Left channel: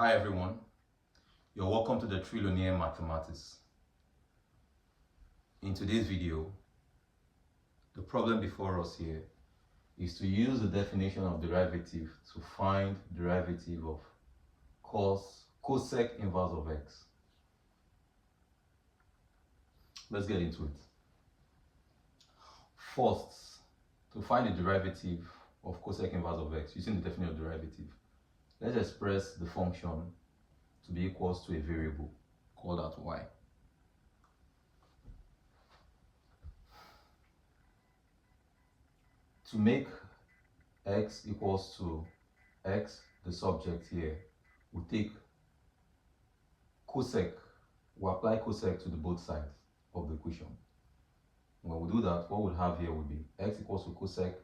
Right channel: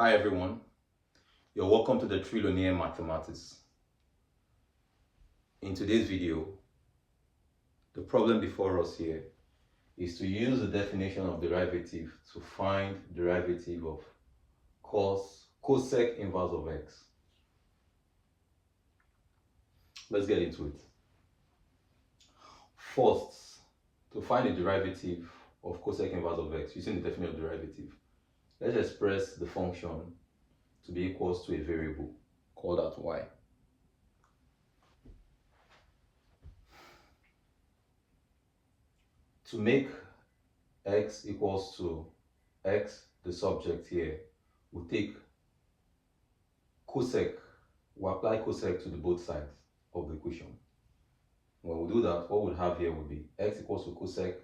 Hi everyone, you're welcome to the Trillionaire Mathematics. In today's video, the problem before us here is to use the definition of derivative to find derivative of cosec inverse of x. Let's get into it. First, to find the derivative of cosec inverse of x using the definition of derivative, let's express the function to be equals to a variable, call that y. To make x equals to x, the subject here, we take cosec, we apply cosec to the both sides of the equation. When we do that, what we'll have here will be x equals to cosec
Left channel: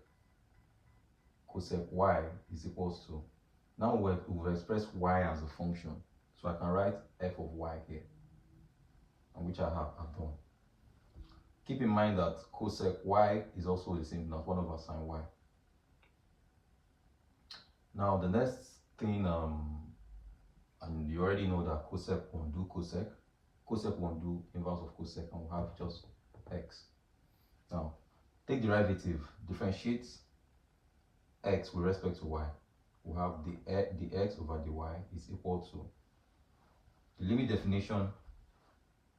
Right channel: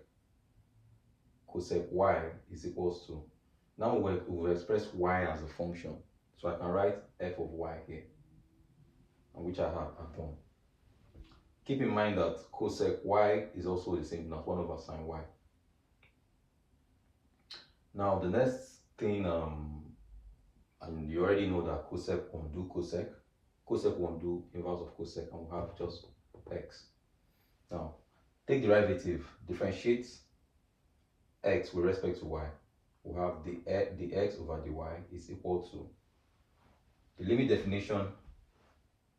y is equals to, now we'll express y as a function. So I can write f of y here, and which I have at home. Keep in mind that cosec y is also the same as 1 over sine y. Now the next thing, and you already know that cosec undo cosec undo inverse of cosec, and we have just x. Now take derivative, differentiate x with respect to y. We have the x over the y is equal to, the limit definition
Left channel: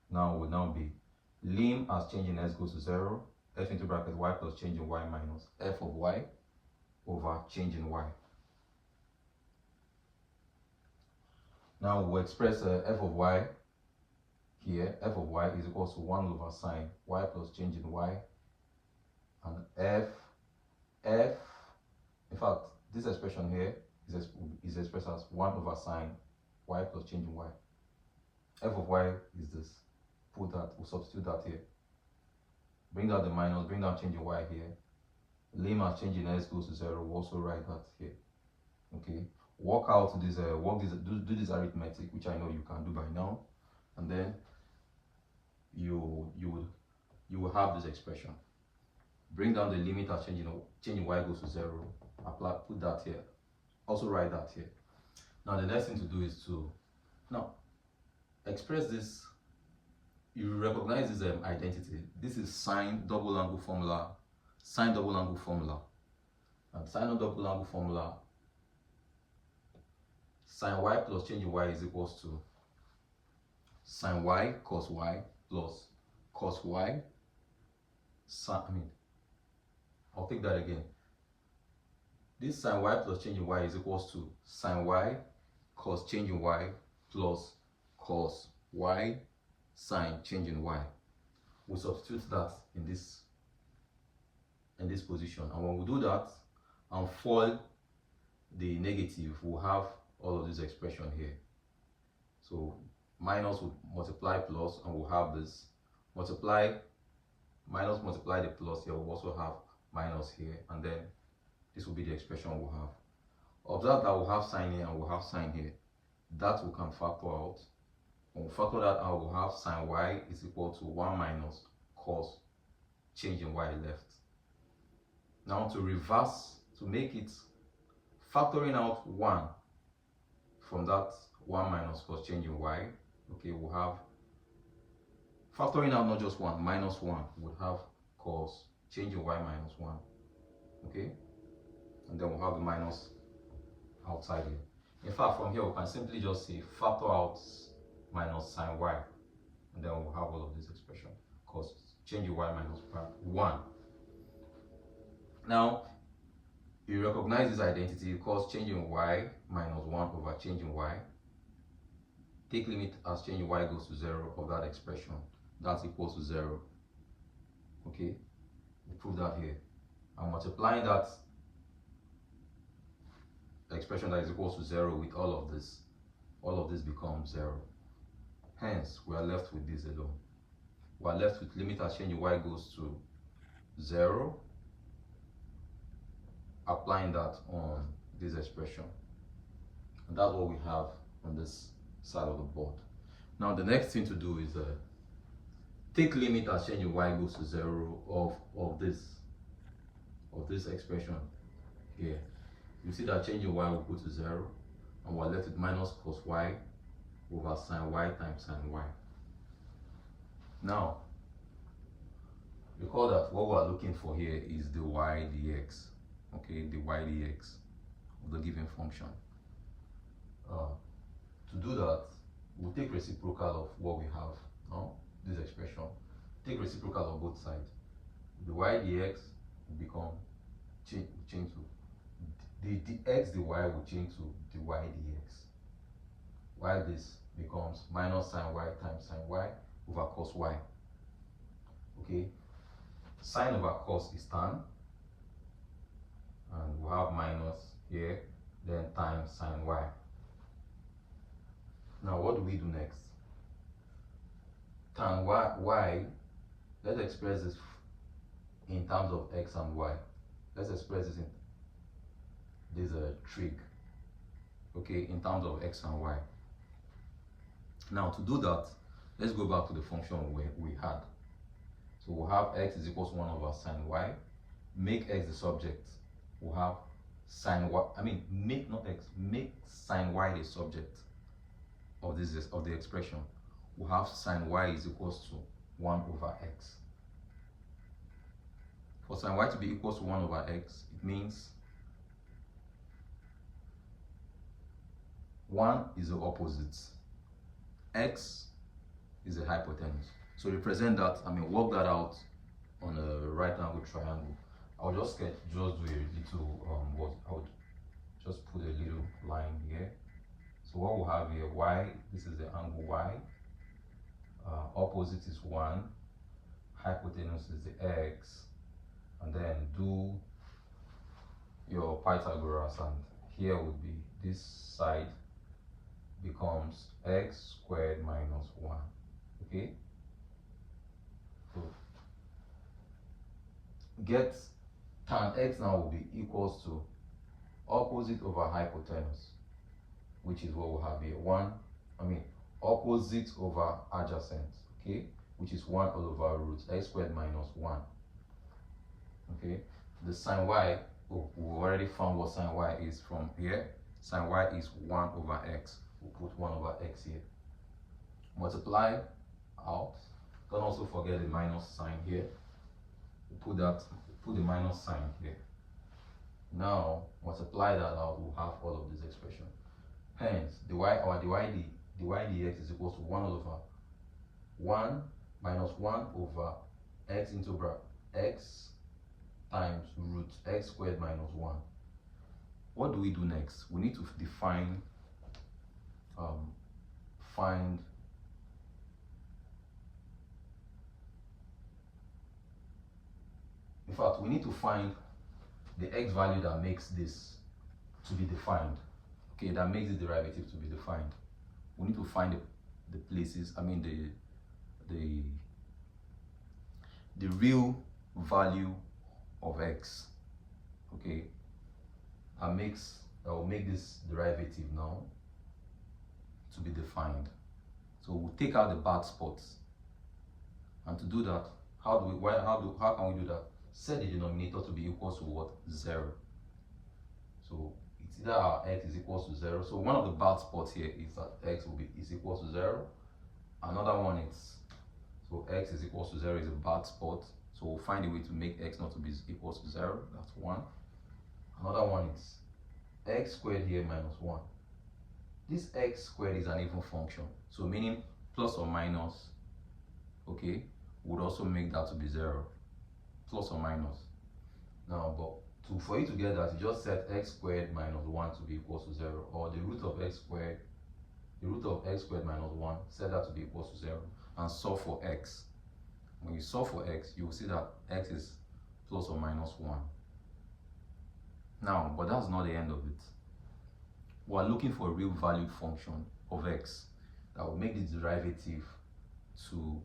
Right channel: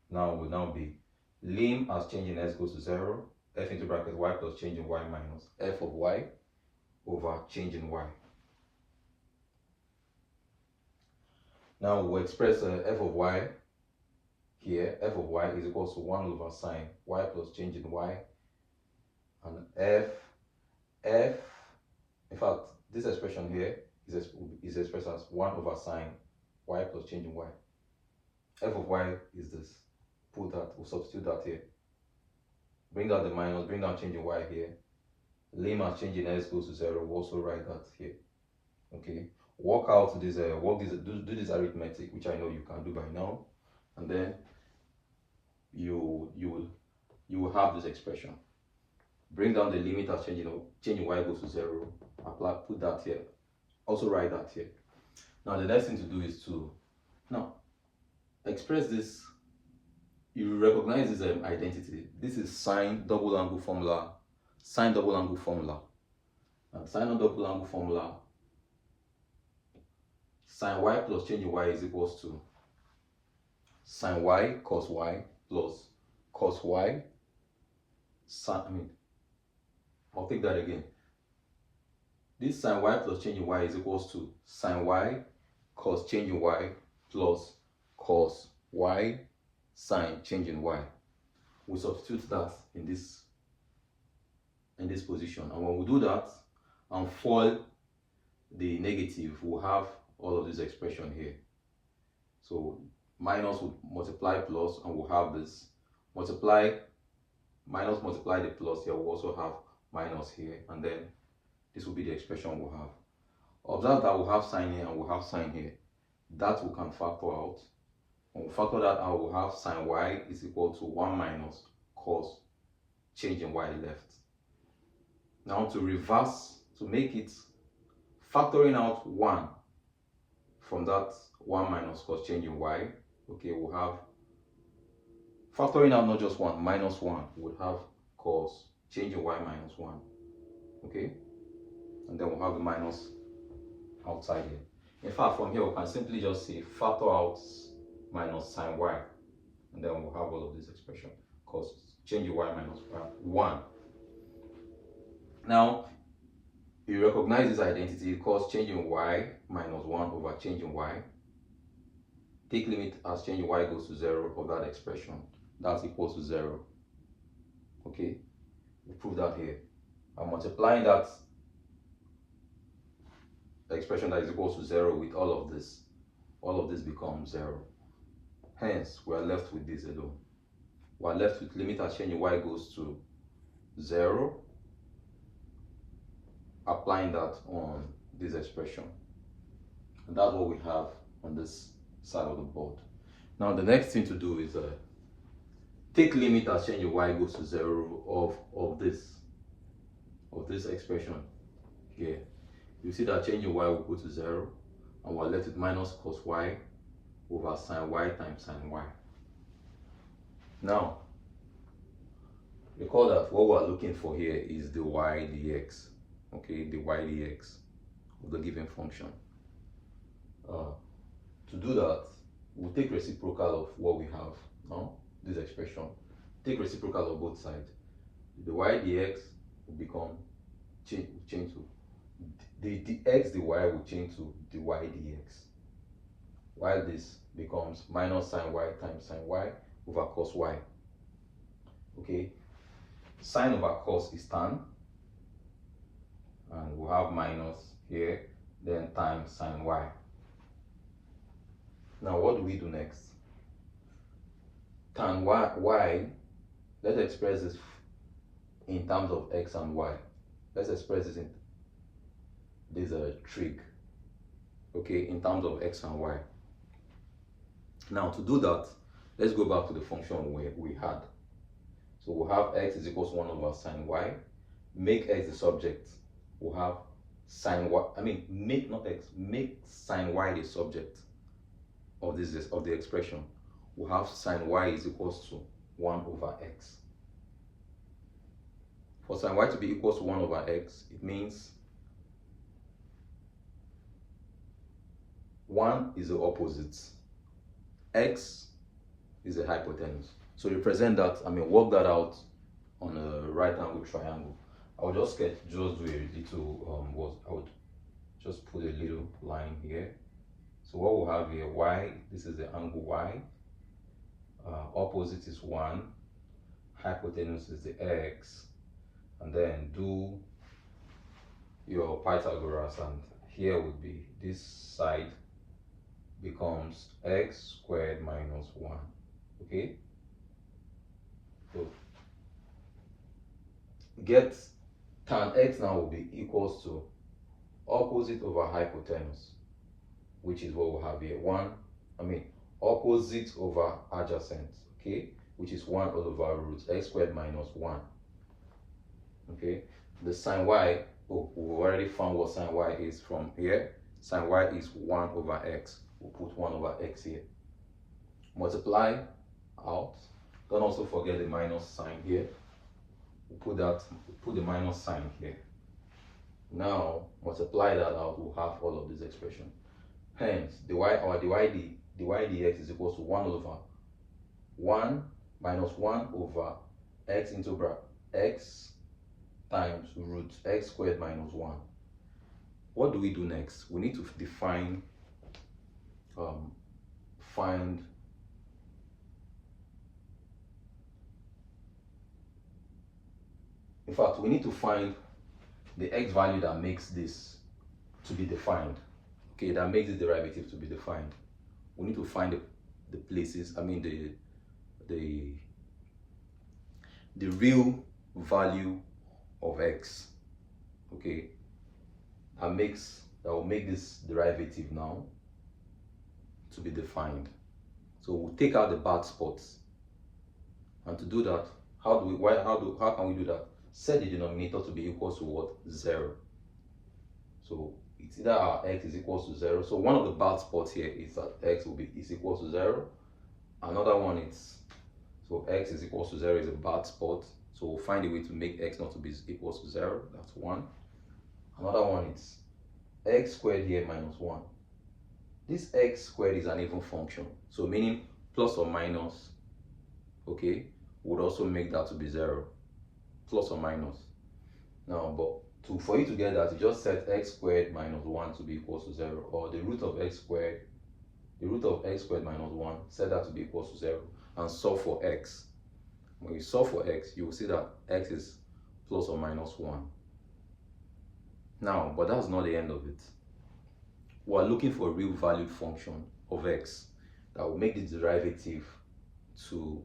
now will now be lim as change in x goes to 0, f into bracket y plus change in y minus f of y over change in y. Now we'll express f of y here. F of y is equal to 1 over sine y plus change in y, and in fact this expression here is expressed as 1 over sine y plus change in y. F of y is this. Put that, we'll substitute that here. Bring down the minus, bring down change in y here. Lim as change in x goes to 0, we'll also write that here. Okay. Work out this, do this arithmetic, which I know you can do by now, and then you will have this expression. Bring down the limit as change in y goes to 0. Apply, put that here. Also write that here. Now the next thing to do is to express this. You recognize this identity. This is sine double angle formula, and sine double angle formula, sine y plus change in y is equals to sine y cos y plus cos y I'll take that again. This sine y plus change in y is equals to sine y cos change in y plus cos y sine change in y. We substitute that in this position, and when we do that and foil the negative, we'll have all of this expression here. So minus would multiply plus, and we'll have this minus multiply the plus here, we'll also have minus here, and then this will be the expression we'll have. Observe that we'll have sine here and we'll have sine here. That we can factor out. When we factor that out, we'll have sine y is equal to 1 minus cos change in y left. Now to reverse, to make it, factoring out 1 from that 1 minus cos change in y, okay, we'll have, factoring out not just 1, minus 1, we'll have cos change in y minus 1, okay, and then we'll have the minus outside here. In fact, from here we can simply just say factor out minus sine y, and then we'll have all of this expression, cos change in y minus 1. Now you recognize this identity, cos change in y minus 1 over change in y. Take limit as change in y goes to 0 of that expression. That's equals to 0. Okay, we prove that here. I'm multiplying that expression that is equals to 0 with all of this. All of this becomes 0. Hence, we are left with this alone. We are left with limit as change in y goes to 0. Applying that on this expression, and that's what we have on this side of the board. Now the next thing to do is take limit as change in y goes to 0 of this expression here. You see that change in y will go to 0, and we're left with minus cos y over sine y times sine y. Now, recall that what we're looking for here is the y dx, okay, the y dx of the given function. To do that, we'll take reciprocal of what we have now, this expression. Take reciprocal of both sides. The y dx will become change to the dx dy will change to the y dx, while this becomes minus sine y times sine y over cos y. Okay, sine over cos is tan, and we'll have minus here, then times sine y. Now what do we do next? Tan y, let's express this in terms of x and y. Let's express this in this trig, okay, in terms of x and y. Now to do that, let's go back to the function we had. So we'll have x is equals to 1 over sine y. Make x the subject. We'll have sine y, make sine y the subject of the expression. We'll have sine y is equals to 1 over x. For sine y to be equals to 1 over x, it means 1 is the opposite, x is the hypotenuse. So represent that, work that out on a right angle triangle. I would just do a little, I would just put a little line here. So what we'll have here, y, this is the angle y, opposite is 1, hypotenuse is the x, and then do your Pythagoras, and here would be this side becomes x squared minus 1, okay? So get tan x now will be equals to opposite over hypotenuse, which is what we'll have here, opposite over adjacent, okay, which is 1 over root x squared minus 1, okay. The sine y, we've already found what sine y is from here. Sine y is 1 over x. We'll put 1 over x here. Multiply out. Don't also forget the minus sign here. We'll put the minus sign here. Now multiply that out, we'll have all of this expression. Hence, the y dx is equals to 1 over 1 minus 1 over x into x times root x squared minus 1. What do we do next? We need to define, we need to find the x value that makes this to be defined, okay, that makes this derivative to be defined. We need to find the places, the real value of x, okay, that will make this derivative now to be defined. So we'll take out the bad spots, and to do that, how can we do that? Set the denominator to be equal to what? 0. So it's either our x is equal to 0. So one of the bad spots here is that x is equal to 0. Another one is, so x is equal to 0 is a bad spot. So we'll find a way to make x not to be equal to 0. That's one. Another one is x squared here minus 1. This x squared is an even function. So meaning plus or minus, okay, would also make that to be 0. Plus or minus. Now, but for you to get that, you just set x squared minus 1 to be equal to 0, or the root of x squared minus 1, set that to be equal to 0, and solve for x. When you solve for x, you will see that x is plus or minus 1. Now, but that's not the end of it. We're looking for a real valued function of x that will make the derivative to,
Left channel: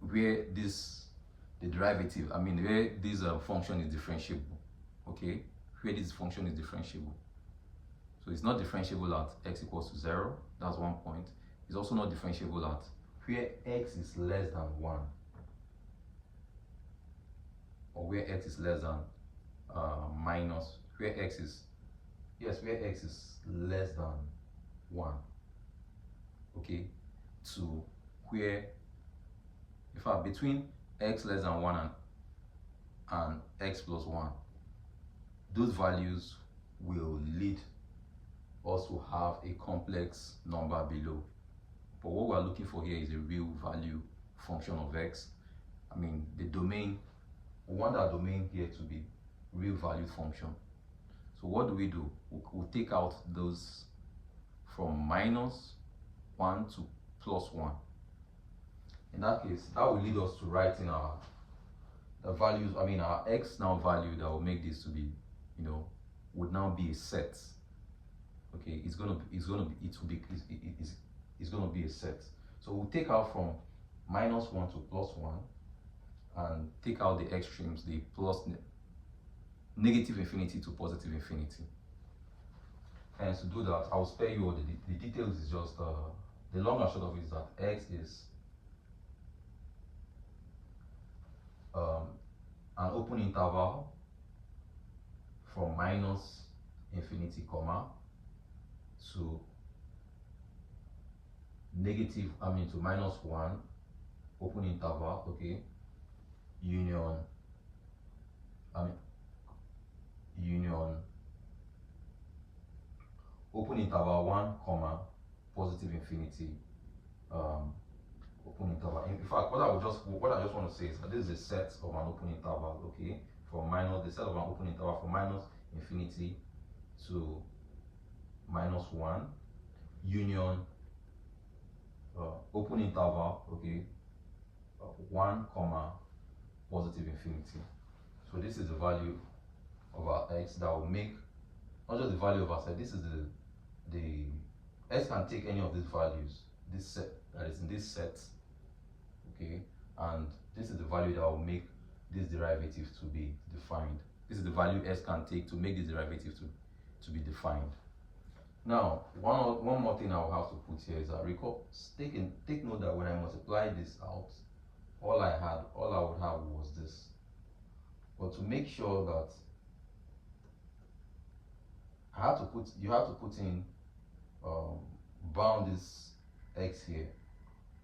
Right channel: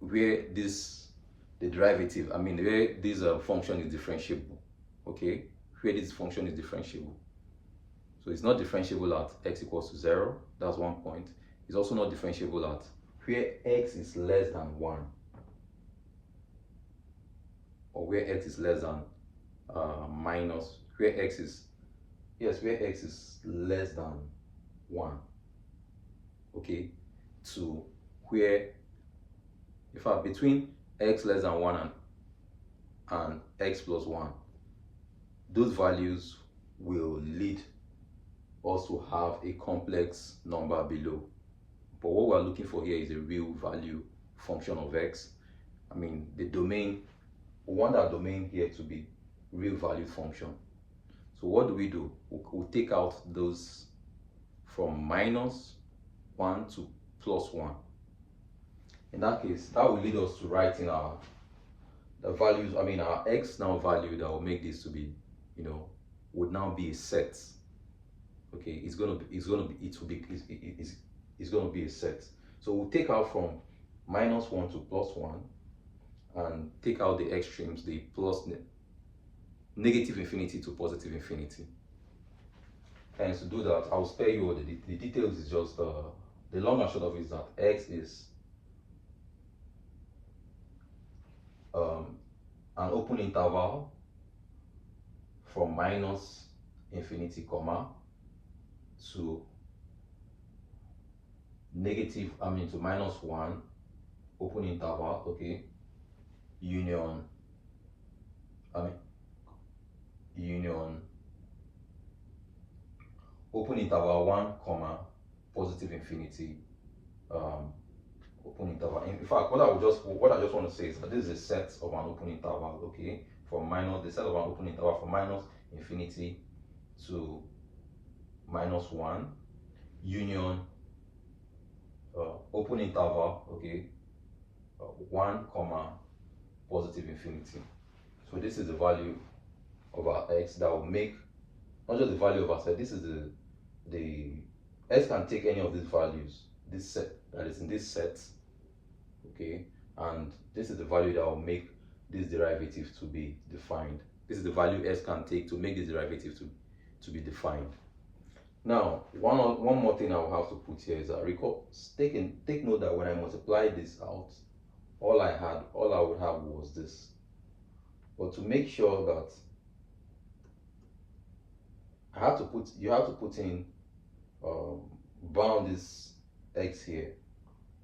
where the derivative, where this function is differentiable, okay, where this function is differentiable. So it's not differentiable at x equals to 0, that's one point. It's also not differentiable at where x is less than 1, or where x is less than where x is, yes, where x is less than 1, okay, to where, in fact, between x less than 1 and x plus 1, those values will lead us to have a complex number below. But what we're looking for here is a real value function of x. I mean, the domain, we want that domain here to be real valued function. So what do? We'll take out those from minus 1 to plus 1. In that case, that will lead us to writing the values, I mean our x now value that will make this to be, you know, would now be a set. Okay, it's gonna be a set. So we'll take out from minus 1 to plus 1 and take out the extremes, the plus negative infinity to positive infinity. And to do that, I'll spare you the details. Is just the long and short of it is that x is an open interval from minus infinity comma to negative, I mean to minus 1, open interval, okay, union open interval 1 comma positive infinity, open interval. In fact, what I just want to say is that this is a set of an open interval, okay, from minus, the set of an open interval from minus infinity to minus 1, union open interval, okay, 1 comma positive infinity. So this is the value of our x that will make, not just the value of our set, this is the x can take any of these values, this set that is in this set, okay, and this is the value that will make this derivative to be defined. This is the value s can take to make this derivative to be defined. Now, one more thing I will have to put here is that take note that when I multiply this out, all I would have was this. But to make sure that you have to put in bound this x here,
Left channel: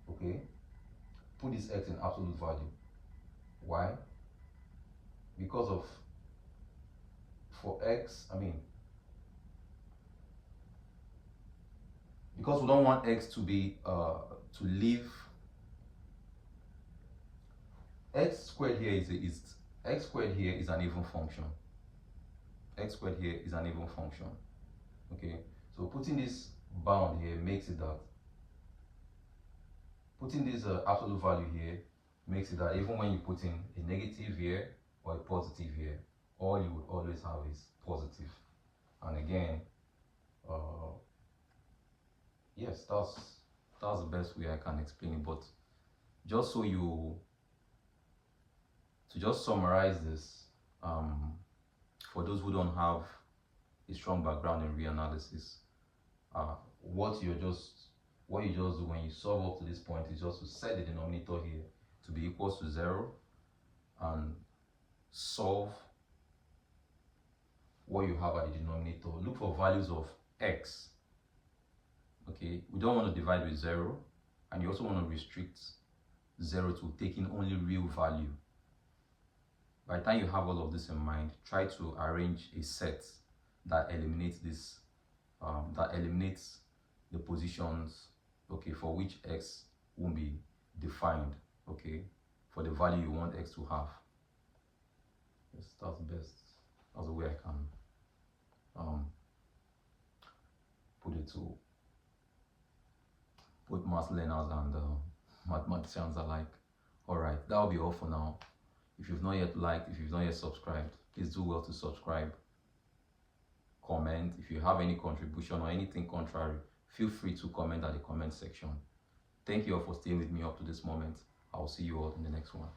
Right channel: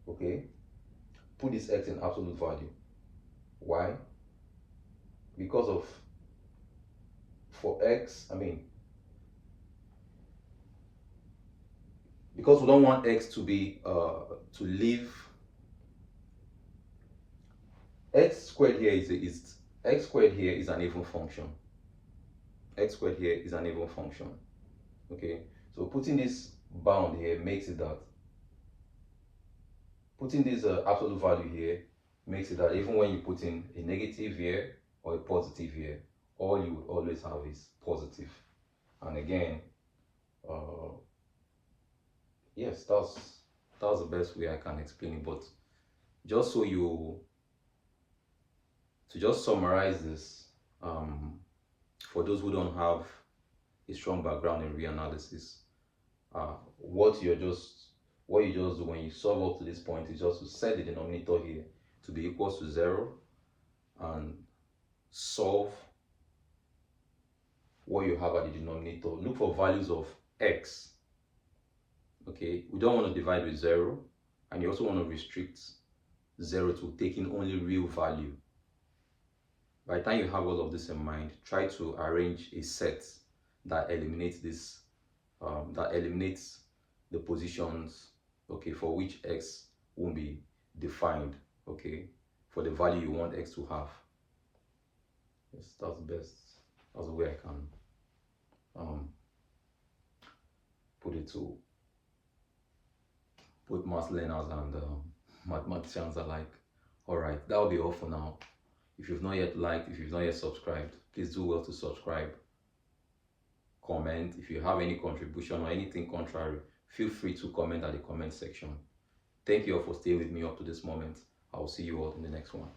okay? Put this x in absolute value. Why? Because of, for x, I mean, because we don't want x to be to leave, x squared here is x squared here is an even function. X squared here is an even function. Okay, so putting this bound here makes it that, putting this absolute value here makes it that even when you put in a negative here or a positive here, all you would always have is positive. And again, yes, that's the best way I can explain it. But just so to just summarize this, for those who don't have a strong background in reanalysis, what you just do when you solve up to this point is just to set the denominator here to be equal to 0 and solve what you have at the denominator. Look for values of x. Okay, we don't want to divide with 0, and you also want to restrict 0 to taking only real value. By the time you have all of this in mind, try to arrange a set that eliminates this, that eliminates the positions, okay, for which x won't be defined, okay, for the value you want x to have. Yes, that's best. That's the way I can put it to both math learners and mathematicians alike. All right, that will be all for now. If you've not yet liked, if you've not yet subscribed, please do well to subscribe, comment. If you have any contribution or anything contrary, feel free to comment at the comment section. Thank you all for staying with me up to this moment. I will see you all in the next one.